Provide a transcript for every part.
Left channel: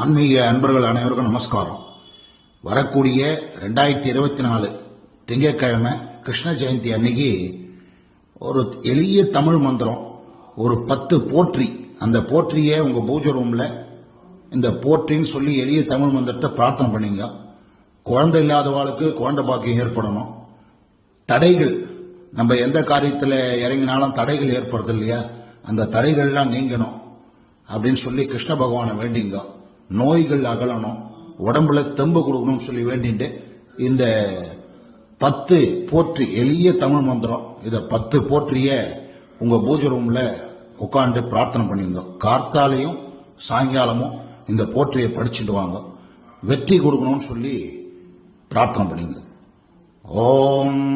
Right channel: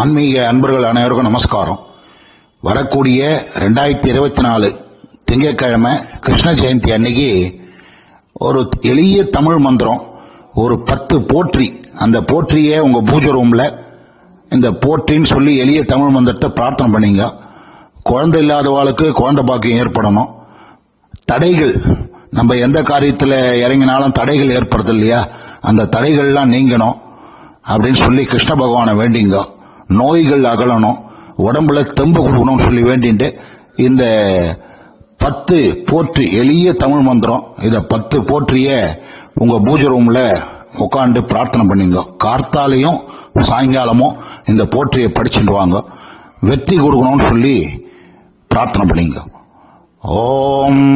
ஆன்மீக அன்பர்கள் அனைவருக்கும் நமஸ்காரம். வரக்கூடிய ரெண்டாயிரத்தி இருபத்தி நாலு திங்கட்கிழமை கிருஷ்ண ஜெயந்தி அன்னைக்கு ஒரு எளிய தமிழ் மந்திரம் ஒரு பத்து போற்றி. அந்த போற்றியை உங்கள் பூஜை ரூமில் இந்த போற்றின்னு சொல்லி எளிய தமிழ் மந்திரத்தை பிரார்த்தனை பண்ணீங்க. குழந்தை இல்லாதவாளுக்கு குழந்தை பாக்கியம் ஏற்படணும். தடைகள் நம்ம எந்த காரியத்தில் இறங்கினாலும் தடைகள் ஏற்படுது இல்லையா? அந்த தடைகள்லாம் நீங்கணும் அப்படின்னு சொல்லி கிருஷ்ண பகவானை வேண்டிங்க. நோய்கள் அகலணும் உடம்புல தெம்பு கொடுக்கணும்னு சொல்லி வேண்டிட்டு இந்த பத்து போற்றி எளிய தமிழ் மந்திரம் இதை பத்து போற்றிய உங்க பூஜை ரூம்ல உட்காந்து பிரார்த்தனை பண்ணிங்க. கார்த்தாலையும் சாயங்காலமும் இந்த போற்றியை படிச்சுட்டு வாங்க. வெற்றி கொடுக்கணும்னு சொல்லி பிரார்த்தனை பண்ணிங்க. ஓம்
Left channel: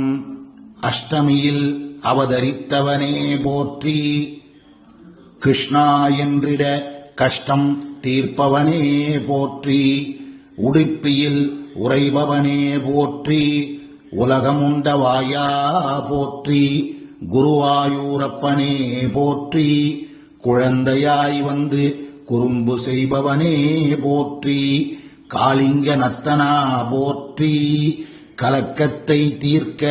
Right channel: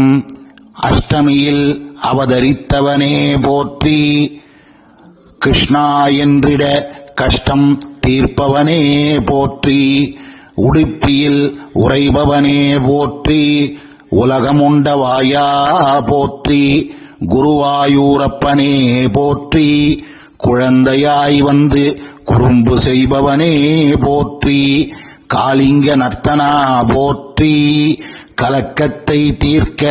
அஷ்டமியில் அவதரித்தவனே போற்றி கிருஷ்ணா என்றிட கஷ்டம் தீர்ப்பவனே போற்றி உடுப்பியில் உறைபவனே போற்றி உலகமுண்ட வாயா போற்றி குருவாயூரப்பனே போற்றி குழந்தையாய் வந்து குறும்பு செய்பவனே போற்றி காளிங்க நர்த்தனா போற்றி கலக்கத்தை தீர்க்க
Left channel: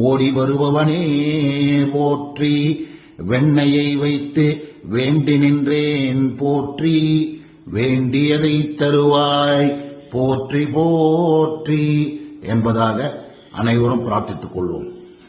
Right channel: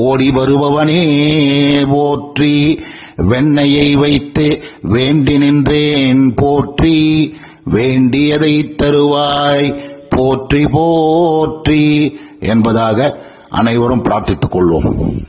ஓடி வருபவனே போற்றி வெண்ணையை வைத்து வேண்டி நின்றேன் போற்றி வேண்டியதை தருவாய் போற்றி போற்றி என்பதாக அனைவரும் பிரார்த்தித்துக் கொள்வோம்.